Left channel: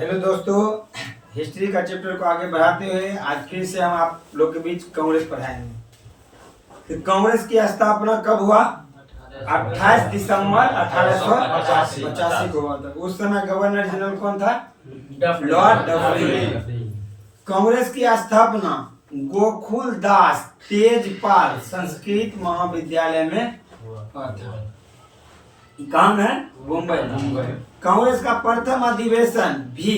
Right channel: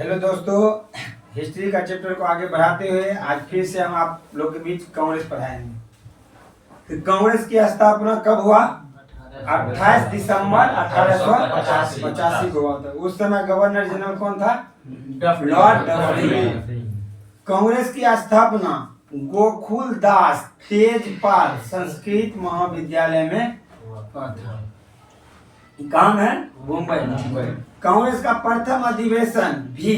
Hello दोस्तों, history का chapter को आगे बढ़ाते हुए आज फिर से हम आप लोग के बीच कांग्रेस पढ़ाएंगे। तो कांग्रेस की स्थापना कब हुआ? 28 दिसंबर 1885 को हुआ था। उस समय गवर्नर जनरल कौन था? Lord Dufferin. कांग्रेस की स्थापना गोकुल दास तेजपाल संस्कृत महाविद्यालय में हुआ था। काम है मुंबई। कांग्रेस का प्रथम अधिवेशन भी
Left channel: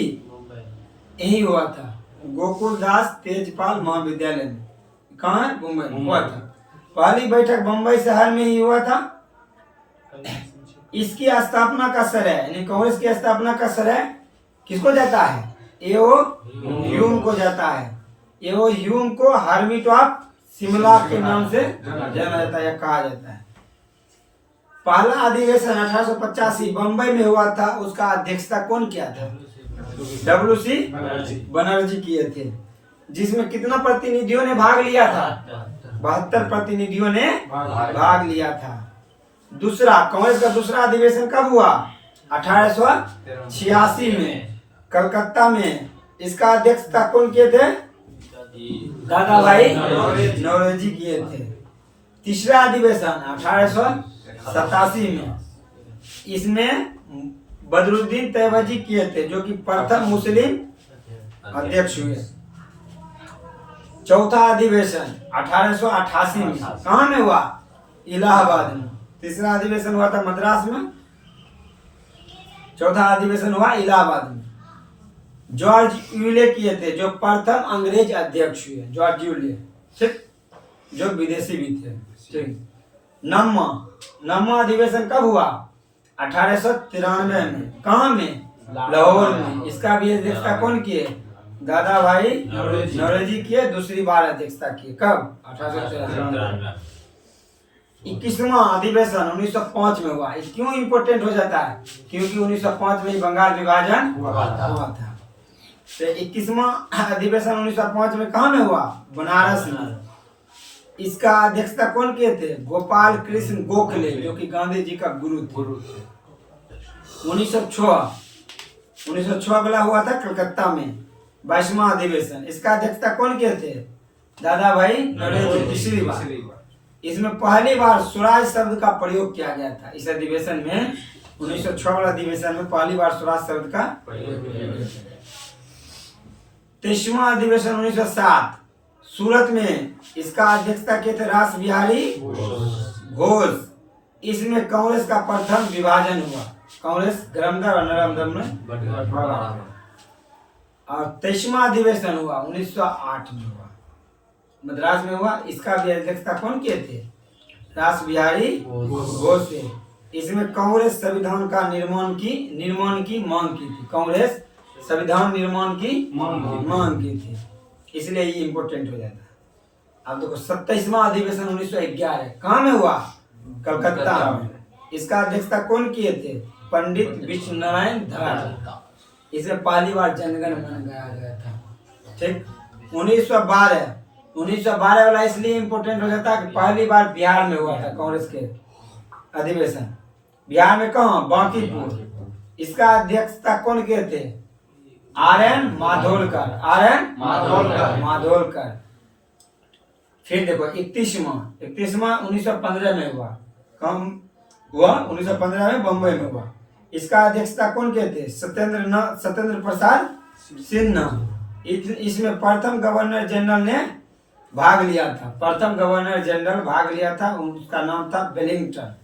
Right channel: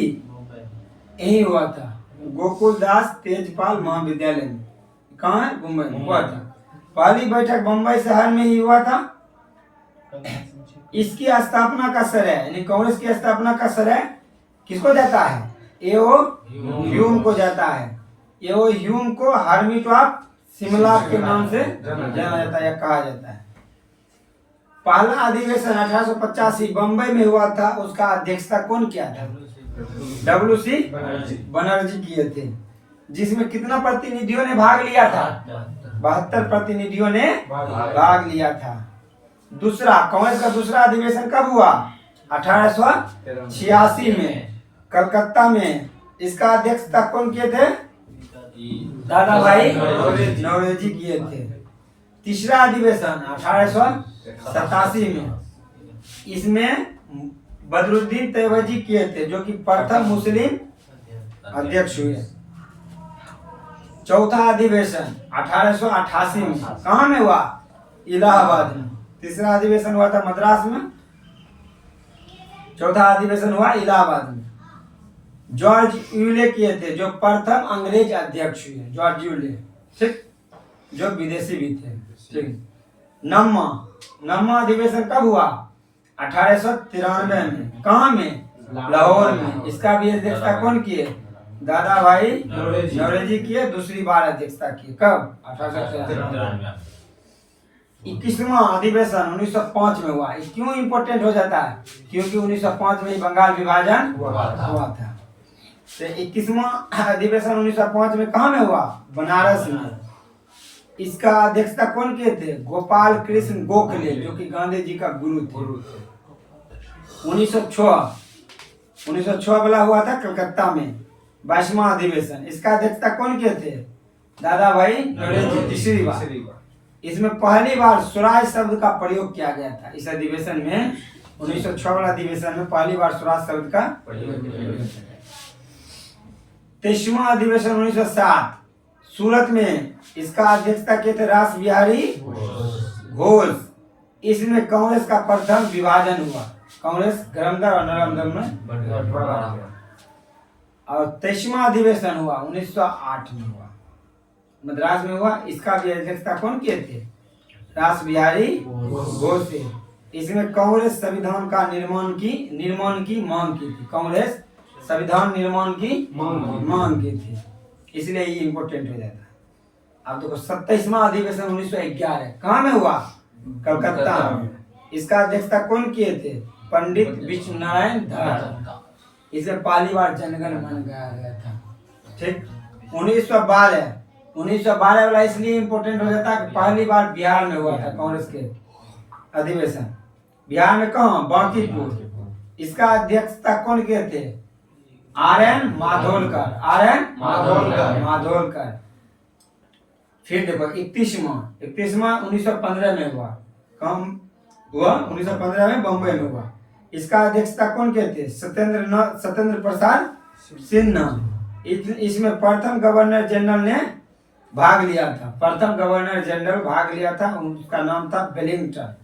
यही हुआ था, गोकुल दास तेजपाल महाविद्यालय में। कहाँ है? मुंबई में हुआ था। पहली बैठक मुंबई शहर में ही हुआ था। इसकी स्थापना का श्रेय यानी कांग्रेस की स्थापना का श्रेय किसको जाता है? एओ ह्यूम को जाता है। एओ ह्यूम को हर्मिट ऑफ शिमला के नाम से जाना जाता है या कहा जाता है। पहला अधिवेशन 1885 बंबई में हुआ था। उसका अध्यक्षता कौन किया था? डब्ल्यूसी बनर्जी किए थे। जिसमें कितना प्रतिनिधियों ने भाग लिया था? 72 प्रतिनिधियों ने भाग लिया था। दूसरा कांग्रेस का दूसरा अधिवेशन कब हुआ? 1886 में कलकत्ता में। इसका अध्यक्षता कौन किए थे? दादा भाई नौरोजी किए थे। तीसरा अधिवेशन 1887 में, इसमें बदरुद्दीन तैयबजी किए थे, जो कि प्रथम मुस्लिम अध्यक्ष हुए। चौथा अधिवेशन 1888 में कहाँ में हुआ? इलाहाबाद में। तीसरा अधिवेशन हुआ था मद्रास में, चौथा अधिवेशन हुआ इलाहाबाद में। जॉर्ज यूले किए थे, जो प्रथम अंग्रेज अध्यक्ष हुए। जॉर्ज यूले, ठीक, जो विदेशी भी थे। ठीक। नौवां अधिवेशन कब हुआ? 1893 में। कहाँ में? लाहौर में। इसका भी अध्यक्षता कौन किए? दादा भाई नौरोजी किए। दूसरी बार अध्यक्षता किए। कब? 1893। 21वां अधिवेशन 1905 में हुआ। क्यों इम्पोर्टेंट हो जाता है? क्योंकि 1905 में बंगाल विभाजन हुआ था। तो 21वां अधिवेशन 1905 में कहाँ में हुआ? बनारस में। इसका अध्यक्षता कौन किए थे? गोपाल कृष्ण गोखले, जो कि गांधी जी का गुरु थे। 1906 वाला हुआ था कलकत्ता में 22वां अधिवेशन। इसका अध्यक्षता कौन किए थे? दादा भाई नौरोजी। तीसरी बार। इसमें पहली बार स्वराज शब्द का प्रयोग किया गया था। इस अधिवेशन में 1906 वाला अधिवेशन में पहली बार स्वराज शब्द का प्रयोग किया गया। 23वां अधिवेशन 1907 सूरत में। इसका अध्यक्षता किए थे रास बिहारी घोष। इसमें कांग्रेस का प्रथम विभाजन हुआ। कांग्रेस गरमदर और नरमदर में बंटा। और 23वां अधिवेशन हुआ 1908 में हुआ, मद्रास में हुआ। इसका भी अध्यक्षता कौन किए थे? रास बिहारी घोष। इसमें कांग्रेस संविधान का निर्माण की मांग की थी। कांग्रेस संविधान निर्माण की मांग की थी, इसलिए ये इंपोर्टेंट हो जाता है। अब देखो 27वां अधिवेशन 1911 कहाँ में हुआ? कलकत्ता में। इसका अध्यक्षता कौन किए थे? पंडित विश्व नारायण धर। इसे पहली बार जनगण मन गाया गया था। ठीक। 1912 वाला इसलिए इंपोर्टेंट हो जाता है कि पहली बार बिहार में हुआ था कांग्रेस के अधिवेशन। बिहार में कहाँ? बांकीपुर। इसका अध्यक्षता कौन किए थे? आर.एन. माधोलकर। फिर देखो 31वां 1915 में हुआ। कम हुआ 1915 में बंबई में हुआ। इसका अध्यक्षता कौन किए थे? सत्येंद्र प्रसाद सिन्हा। इसमें प्रथम गवर्नर जनरल ने भाग लिया था। उसका नाम था वेलिंगटन।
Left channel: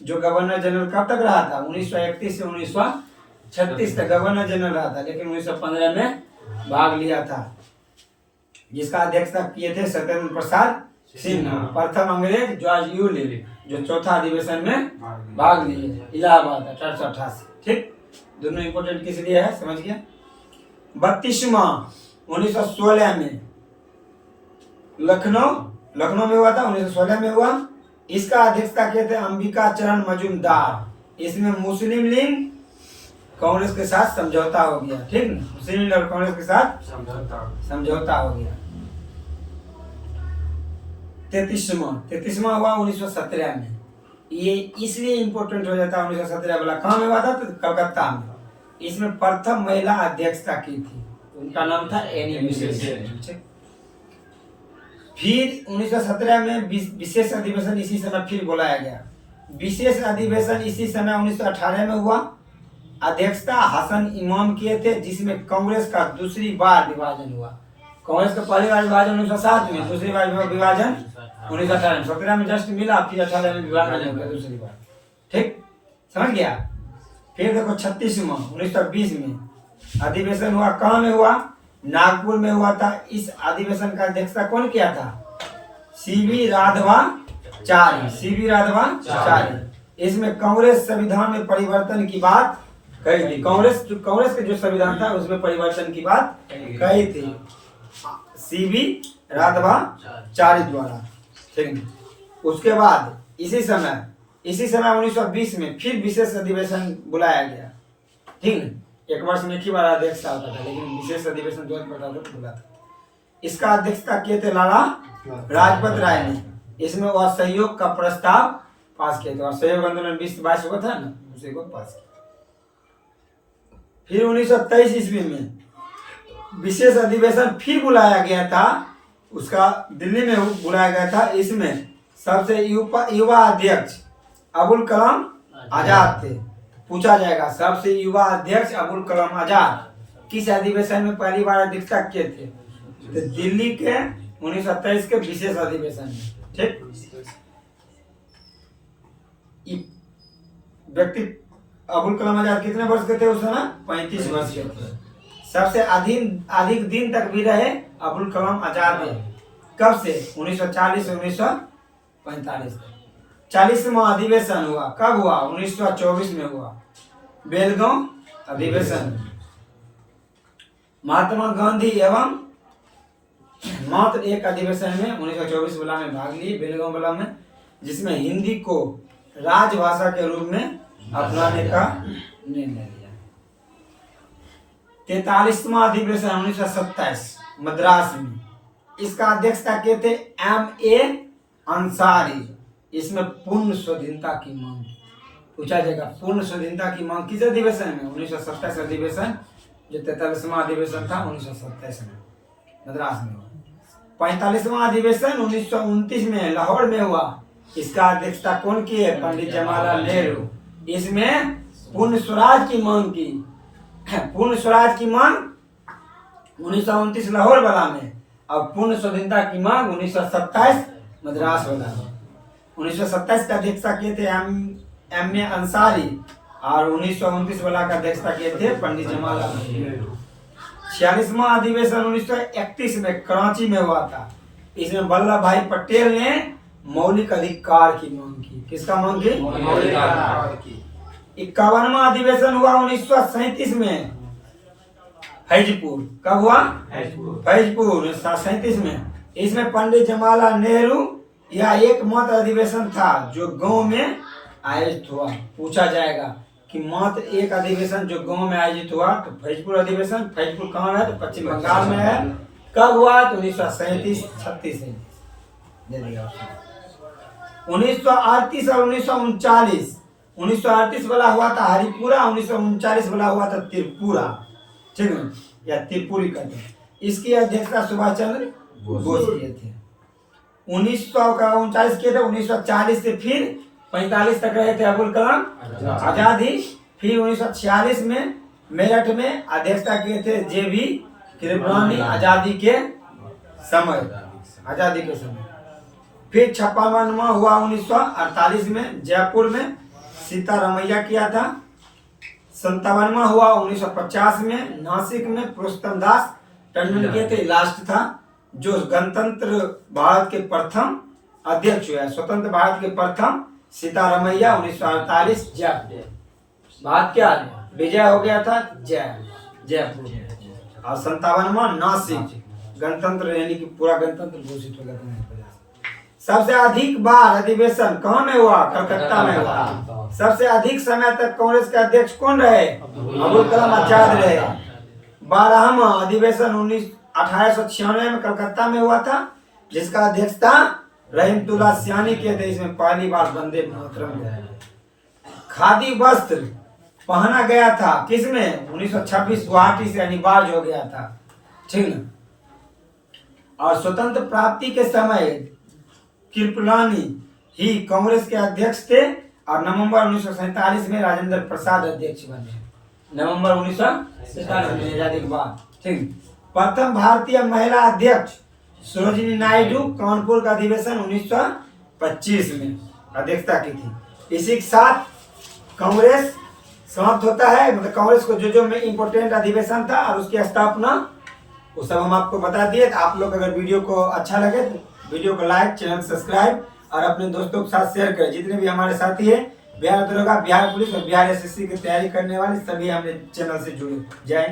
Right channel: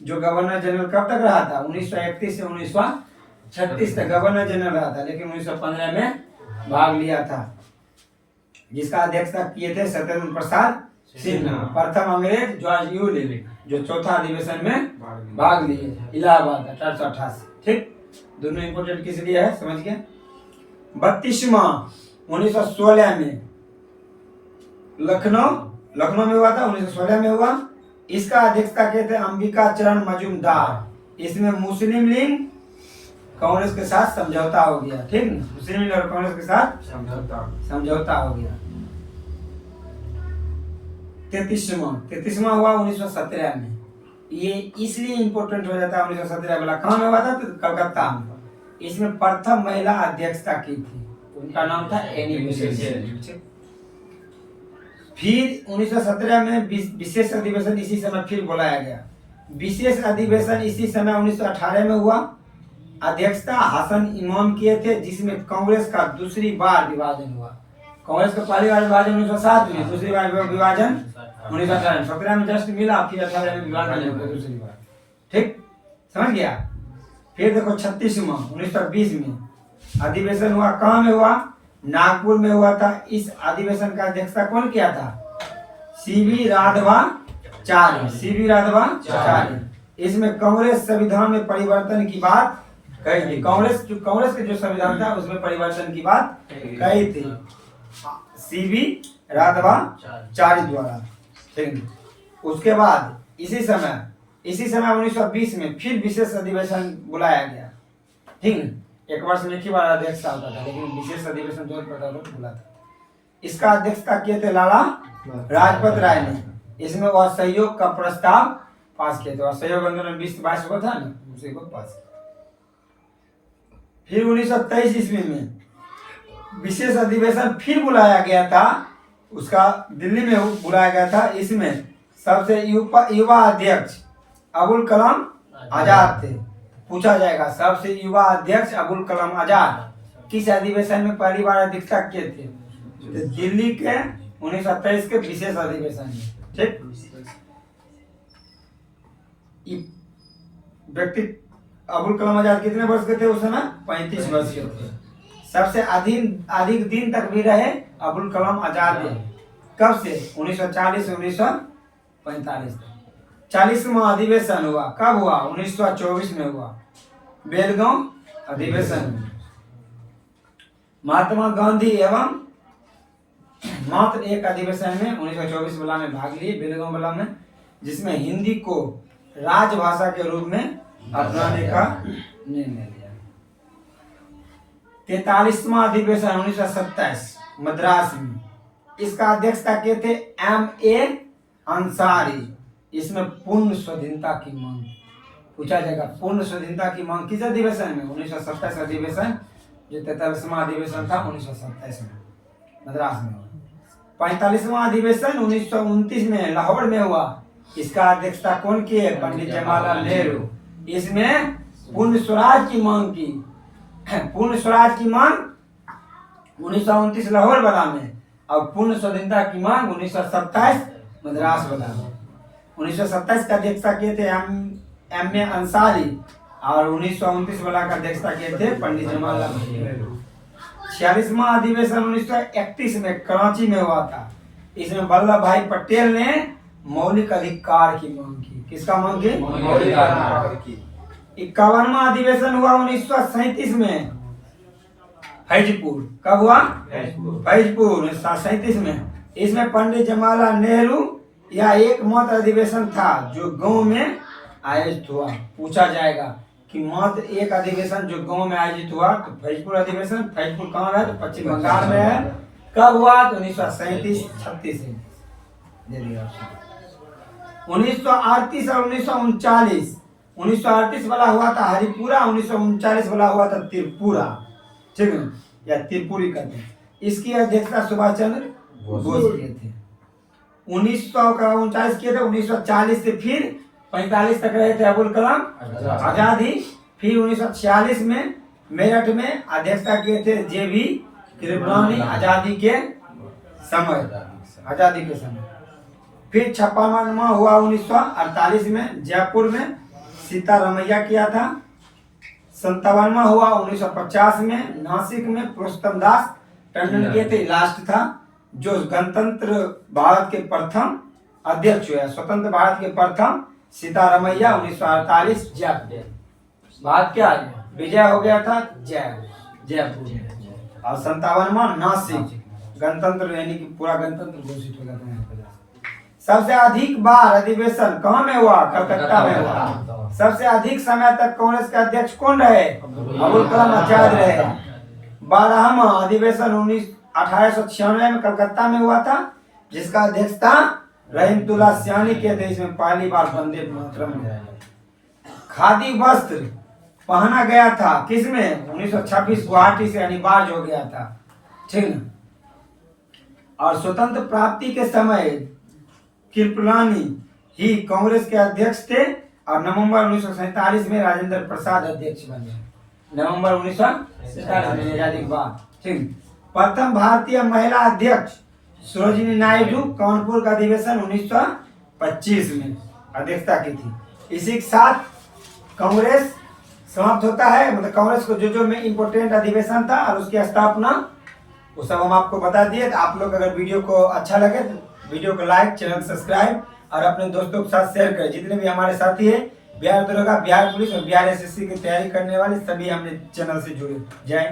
जो गवर्नर जनरल कब तक रहा था? 1931 से 1936 तक गवर्नर जनरल रहा था, लेकिन 1915 में भाग लिया था। जिसका अध्यक्षता किए थे सत्येंद्र प्रसाद सिन्हा। प्रथम अंग्रेज जॉर्ज यूले, जो चौथा अधिवेशन में भाग लिए। इलाहाबाद 1888। ठीक। दोनों इंपोर्टेंट किस लिए है, समझ गए। 32वां 1916 में लखनऊ में हुआ था। 1916 में हुआ। इसका अध्यक्षता किए थे अंबिका चरण मजूमदार। इसमें मुस्लिम लीग कांग्रेस के साथ समझौता हो गया। ठीक। मुस्लिम लीग और कांग्रेस के साथ समझौता हो गया। 33वां हुआ 1917 में। ये इसलिए इंपोर्टेंट हो जाता है 1917 वाला। कहाँ में हुआ था? तो कलकत्ता में। इसमें प्रथम महिला अध्यक्षता की थी, उनका नाम था एनी बेसेंट। फिर 1917 में विशेष अधिवेशन इसी समय फिर बुलाया गया। विशेष अधिवेशन इसी समय 1918 में हुआ। अध्यक्षता हसन इमाम किए थे, जिसमें कांग्रेस का दूसरी बार विभाजन हुआ। कांग्रेस का पहली बार विभाजन 1907 में, दूसरी बार विभाजन 1918 में। 17 में जस्ट मिला, फिर 18 में विभाजन हो गया दूसरी बार। ठीक, समझ गया। फिर देखो 36वां 1920 में अधिवेशन हुआ। कहाँ में हुआ? नागपुर में हुआ था। इस अधिवेशन का अध्यक्षता कौन किया था? सीवी राघवाचार्य। सीवी राघवाचार्य। इसमें कांग्रेस संविधान में परिवर्तन की बात कही थी। कांग्रेस के जो संविधान था उसमें परिवर्तन की बात कही थी सीवी राघवाचार्य द्वारा। ठीक, उसके बाद इसी समय 1920 में फिर विशेष अधिवेशन बुलाया गया। ठीक, एक वर्ष में एक ही बार अध्यक्षता होता था, लेकिन विशेष अधिवेशन 2015 बुला था। इसका अध्यक्षता किए थे लाला लाजपत राय ने। इसमें वह सहयोग का प्रस्ताव पास किए थे, और सहयोग आंदोलन 2022 को था ना, उसे को पास किया। फिर 1923 ईस्वी में विशेष अधिवेशन फिर बुलाया गया था, उसका दिल्ली में बुलाया गया था। इसमें सबसे युवा अध्यक्ष अबुल कलाम आजाद थे। पूछा जाएगा सबसे युवा अध्यक्ष अबुल कलाम आजाद किस अधिवेशन में पहली बार अध्यक्षता किए थे? तो दिल्ली के 1923 के विशेष अधिवेशन में। ठीक, व्यक्ति अबुल कलाम आजाद कितने वर्ष के थे उस समय? 35 वर्ष के थे। सबसे अधिक दिन तक भी रहे अबुल कलाम आजाद। कब से? 1940 से 1945 तक। 40वां अधिवेशन हुआ। कब हुआ? 1924 में हुआ, बेलगांव अधिवेशन। महात्मा गांधी एवं मात्र एक अधिवेशन में 1924 वाला में भाग लिए, बेलगांव वाला में, जिसमें हिंदी को राजभाषा के रूप में अपनाने का निर्णय लिया। 43वां अधिवेशन 1927 मद्रास में। इसका अध्यक्षता किए थे M.A. अंसारी। इसमें पूर्ण स्वाधीनता की मांग पूछा जाएगा। पूर्ण स्वाधीनता की मांग किस अधिवेशन में? 1927 अधिवेशन, जो 43वां अधिवेशन था 1927 में मद्रास में हुआ। 45वां अधिवेशन 1929 में लाहौर में हुआ। इसका अध्यक्षता कौन किए? पंडित जवाहरलाल नेहरू। इसमें पूर्ण स्वराज की मांग की। पूर्ण स्वराज की मांग 1929 लाहौर वाला में, और पूर्ण स्वाधीनता की मांग 1927 मद्रास वाला में। 1927 का अध्यक्षता किए थे M.A. अंसारी, और 1929 वाला का अध्यक्षता किए थे पंडित जवाहरलाल नेहरू। 46वां अधिवेशन 1931 में कराची में हुआ था। इसमें वल्लभ भाई पटेल ने मौलिक अधिकार की मांग की। किसका मांग की? मौलिक अधिकार की। 51वां अधिवेशन हुआ 1937 में फैजपुर। कब हुआ? फैजपुर 1937 में। इसमें पंडित जवाहरलाल नेहरू यह एकमात्र अधिवेशन था जो गांव में आयोजित हुआ। पूछा जाएगा कि मात्र एक अधिवेशन जो गांव में आयोजित हुआ, तो फैजपुर अधिवेशन। फैजपुर कहाँ है? तो पश्चिम बंगाल में है। कब हुआ? तो 1937 36 में। 1938 और 1939। 1938 वाला हुआ था हरिपुरा, 1939 वाला हुआ था त्रिपुरा। ठीक है, या त्रिपुरी कहते हैं। इसकी अध्यक्षता सुभाष चंद्र बोस किए थे। 1939 किए थे। 1940 से फिर 45 तक रहे थे अबुल कलाम आजाद ही। फिर 1946 में मेरठ में अध्यक्षता किए थे JB कृपलानी आजादी के समय। फिर 56वां हुआ 1948 में जयपुर में, सीतारामैया किया था। 57वां हुआ 1950 में नासिक में, पुरुषोत्तम दास टंडन किए थे। लास्ट था जो गणतंत्र भारत के प्रथम अध्यक्ष हुआ, स्वतंत्र भारत के प्रथम सीतारामैया 1948 जयपुर। बात क्या विजय हो गया था जयपुर। और 57वां नासिक गणतंत्र, यानी कि पूरा गणतंत्र घोषित हो गया था। सबसे अधिक बार अधिवेशन कहाँ में हुआ? कलकत्ता में हुआ। सबसे अधिक समय तक कांग्रेस के अध्यक्ष कौन रहे? अबुल कलाम आजाद रहे। 12वां अधिवेशन 1896 में कलकत्ता में हुआ था, जिसका अध्यक्षता रहीमतुल्लाह सियानी के थे। इसमें पहली बार वंदे मातरम। खादी वस्त्र पहना गया था, किसमें? 1926 गुवाहाटी से अनिवार्य हो गया था, ठीक ना। और स्वतंत्र प्राप्ति के समय कृपलानी ही कांग्रेस के अध्यक्ष थे और नवंबर 1947 में राजेंद्र प्रसाद अध्यक्ष बने। नवंबर 1947 में आजादी के बाद, ठीक। प्रथम भारतीय महिला अध्यक्ष सरोजिनी नायडू कानपुर का अधिवेशन 1925 में अध्यक्षता की थी। इसी के साथ कांग्रेस समाप्त होता है। मतलब कांग्रेस को जो में इम्पोर्टेंट अधिवेशन था और उसकी स्थापना वो सब हम आपको बता दिए। तो आप लोग अगर वीडियो को अच्छा लगे तो वीडियो को लाइक, चैनल को सब्सक्राइब और अपने दोस्तों के साथ शेयर करें। जितने भी हमारे साथी हैं बिहार दरोगा, बिहार पुलिस और बिहार एसएससी की तैयारी करने वाले सभी हमने चैनल से जुड़े। जय